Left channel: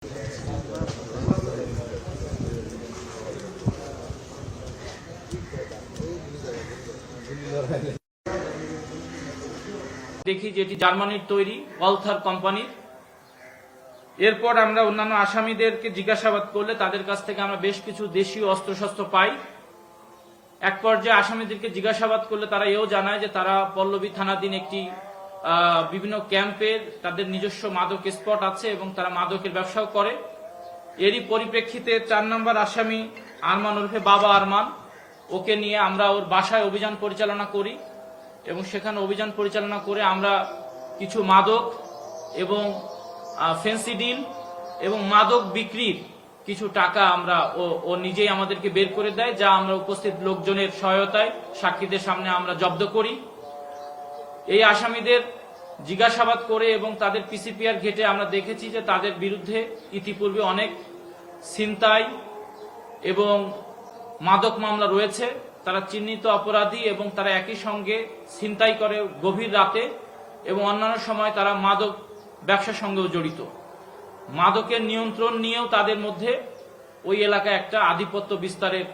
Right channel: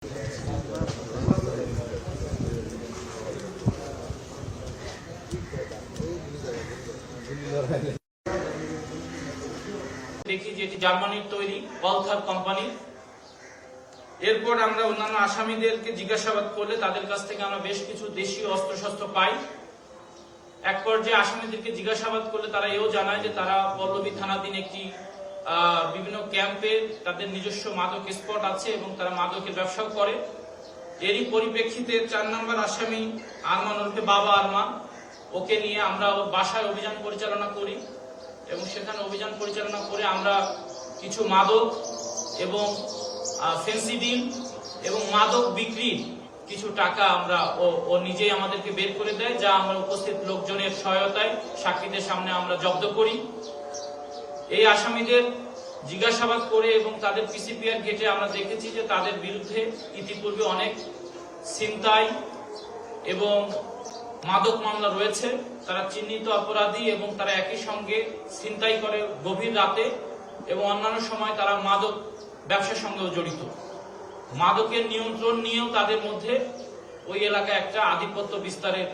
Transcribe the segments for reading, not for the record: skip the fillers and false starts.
দেখি যেটি জার্মানির তৈরি ওয়ালথার কোম্পানির। এরপর আমরা অন্যান্য আসামিদেরকে জিজ্ঞাসাবাদ করলে তাদের কাছ থেকে আমরা বেশ কিছু দেশীয় অস্ত্রশস্ত্র পাই। এক পর্যায়ে আসামিদেরকে জিজ্ঞাসাবাদ করলে তারা এও জানায় যে তারা পল্লবী থানাধীন একটি বিভিন্ন ক্যাম্পে তাদের নিজস্ব মাদক স্পট আছে এবং তারা মাদকের ব্যবসাও করে। এরই পরিপ্রেক্ষিতে 4 নম্বর আসামি আরমান ওরফে বাবা আরমান, ওকে নিয়ে আমরা ওর বাসায় অভিযান পরিচালনা করি এবং সেখানে অভিযান পরিচালনা করে আমরা কিছু মাদক এবং ফেন্সিডিল এবং মাদক বিক্রির কিছু টাকা আমরা ও নিজেই আমাদেরকে বের করে দেয়, যা আমরা উপস্থিত লোকজনের সহায়তায় সাক্ষীদের সামনে আমরা জব্দ করি। এই আসামিদের জিজ্ঞাসাবাদ করে এবং তাদের পিসিপিআর ঘেটে আমরা দেখেছি যে তাদের বিরুদ্ধে ইতিপূর্বে অনেক ছিনতাই এবং মাদক মামলা রয়েছে। তারা চিহ্নিত অপরাধী এবং তারা একই সঙ্গে ছিনতাই করে গভীর রাতে এবং অন্যান্য সময় তারা মাদক ব্যবসার সঙ্গেও জড়িত। মাদকের নিয়ন্ত্রণ নিয়েও তাদের মধ্যে ওই এলাকায় একটা আধিপত্য বিস্তারের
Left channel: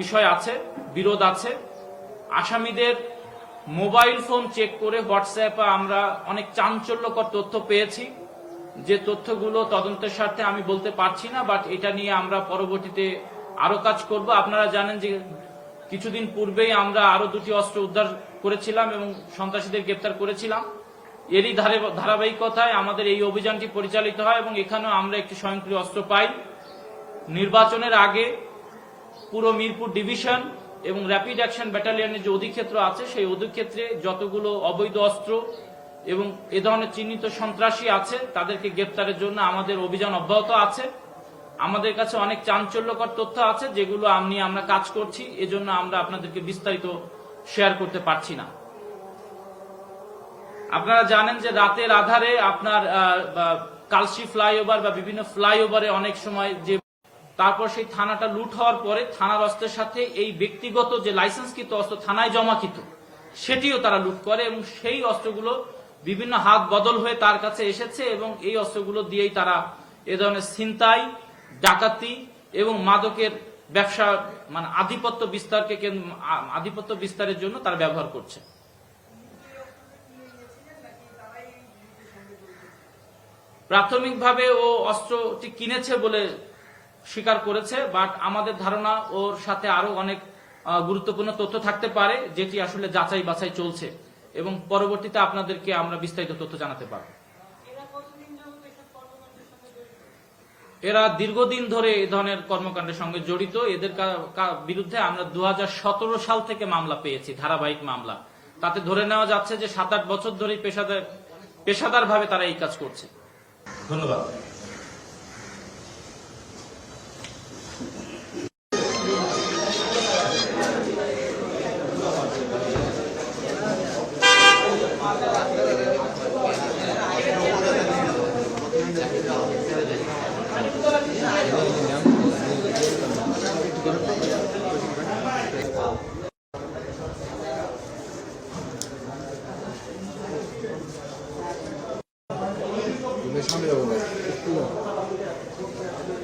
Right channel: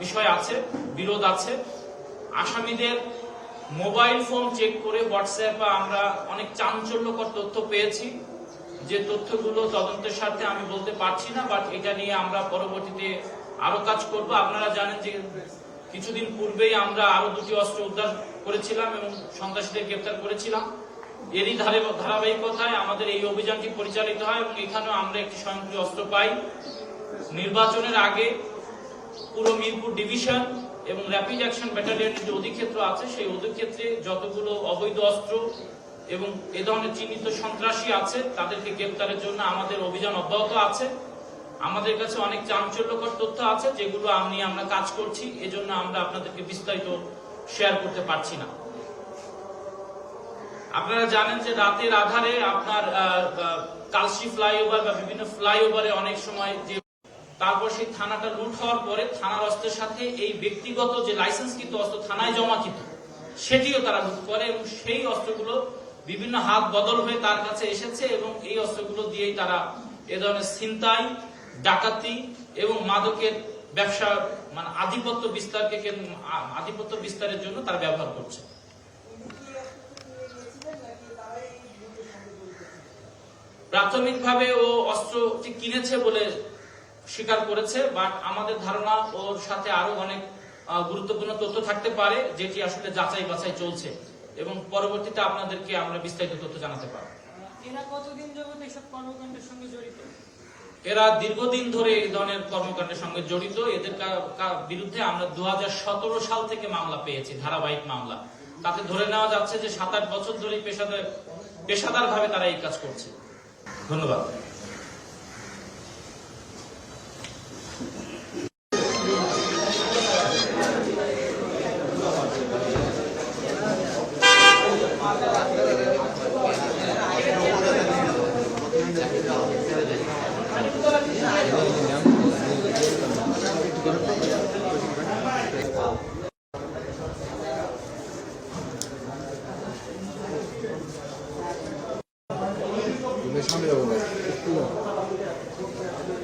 বিষয় আছে, বিরোধ আছে। আসামিদের মোবাইল ফোন চেক করে হোয়াটসঅ্যাপে আমরা অনেক চাঞ্চল্যকর তথ্য পেয়েছি, যে তথ্যগুলো তদন্তের স্বার্থে আমি বলতে পারছি না, বাট এটা নিয়ে আমরা পরবর্তীতে আরো কাজ করব। আপনারা জানেন যে কিছুদিন পূর্বেই আমরা আরো 2টি অস্ত্র উদ্ধার করেছিলাম এবং সন্ত্রাসীদের গ্রেপ্তার করেছিলাম। এরই ধারাবাহিকতায় আমাদের এই অভিযানটি পরিচালিত হয় এবং এখানেও আমরা একটি স্বয়ংক্রিয় অস্ত্র পাই। নির্বাচনের আগে পুরো মিরপুর ডিভিশন এবং র্যাপিড অ্যাকশন ব্যাটালিয়নের যে অধিক্ষেত্র আছে, সেই অধিক্ষেত্রে যতগুলো অবৈধ অস্ত্র এবং এ ধরনের চিহ্নিত সন্ত্রাসী আছে তাদেরকে গ্রেপ্তারের জন্য আমাদের অভিযান অব্যাহত আছে। আমাদের কাছে অনেক চাঞ্চল্যকর তথ্য আছে যেগুলো আমরা কাজ করছি, এজন্য আমরা আপনাদেরকে বিস্তারিত শেয়ার করতে পারছি না। আপনারা জানেন যে রাতের আধারে আপনার কালশি ফ্লাইওভার বা বিভিন্ন ফ্লাইওভারে অনেক সময় যে তারপর সেই থানাটা লুট হওয়ার পরে থানার অস্ত্রের সাথে এই ব্যক্তিগত যে লাইসেন্সকৃত অস্ত্র থানায় জমাকৃত সেটিও তারা লুট করে এবং সেই অস্ত্রগুলো বিভিন্ন হাত বদল হয়ে তার কাছে এসেছে এবং এই অস্ত্রগুলো দিয়েই তারা এ ধরনের ছিনতাই, ডাকাতি এবং মাদকের ব্যবসা মানে আধিপত্য বিস্তারের জন্য তারা ব্যবহার করছে। প্রাথমিকভাবে ও অস্ত্রটি কিনেছে বলে স্বীকার করেছে, বাট আমাদের ধারণা ওর সাথে আরো অনেক গুরুত্বপূর্ণ তথ্য থাকতে পারে, যেটি আসলে যাচাই বাছাই চলছে এবং পরবর্তীতে আপনাদেরকে আমরা বিস্তারিত তথ্য জানাতে পারব। এরা দীর্ঘদিন ধরে এই ধরনের কর্মকাণ্ডের সঙ্গে জড়িত। এদের বিরুদ্ধে আমরা 2017 সাল থেকে মামলা পেয়েছি, ধারাবাহিক মামলা। তাতে ধরে নেওয়া যাচ্ছে যে 7-8 বছর ধরে পেশাদার ভাবে তারা এই কাজ করছে। ধন্যবাদ। সামনে যাবো না উপর